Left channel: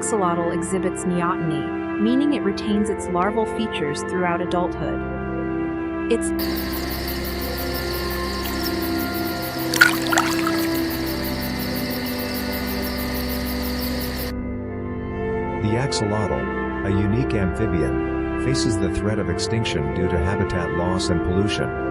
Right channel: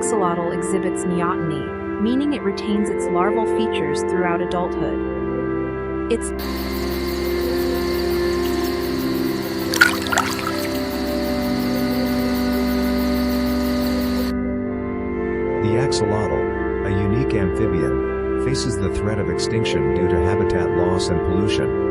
axolotl exhibits neoteny, meaning it retains its larval features throughout adulthood. Its The axolotl, a unique amphibian, faces the threat of extinction due to habitat loss and pollution.